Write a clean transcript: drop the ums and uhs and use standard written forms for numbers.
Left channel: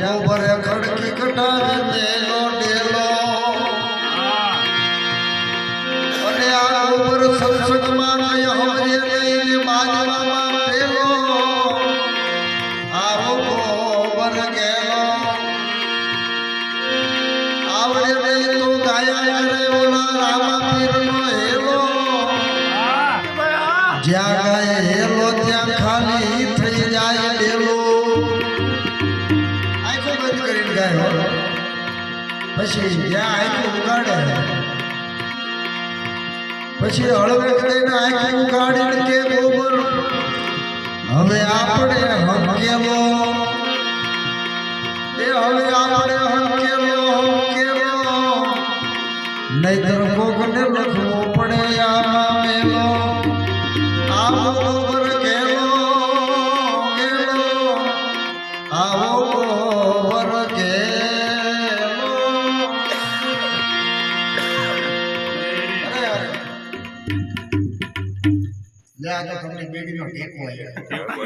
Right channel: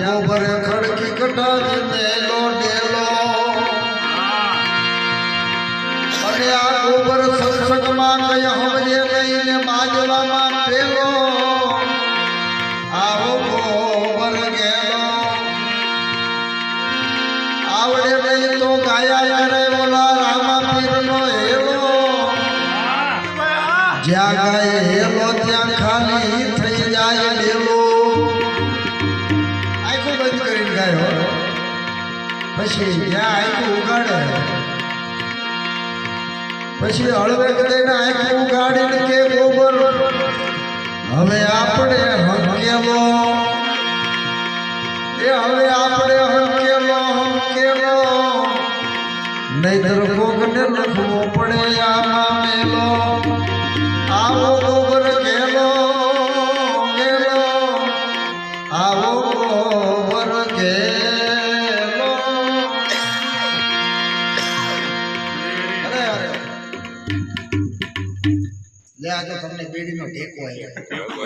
गोबर खड़की कटावे देलो डेलो अने आ गोबर सत्संग में गया हमरे लईने माजवा में पेलो आवो गोबर गेलो आवड़े नहीं तो गाया करे बोला रामा पीर नो हेलो ज्या गाए हेलो त्या खाली थई जाए डेलो પછી જ્યાં આખું ઉગાડે પછી હળવે કરીને આખું ઉગાડીને કે ગોબર હવે આપણે હંકેલો એ હવે આપણે હંકેલો નહીતર કોકને નખવો પડે આમાં મેલો આવો ગોબર ગેલો આવો ગોબર ગેલો તમને બેડીનો ટેકો આવ્યો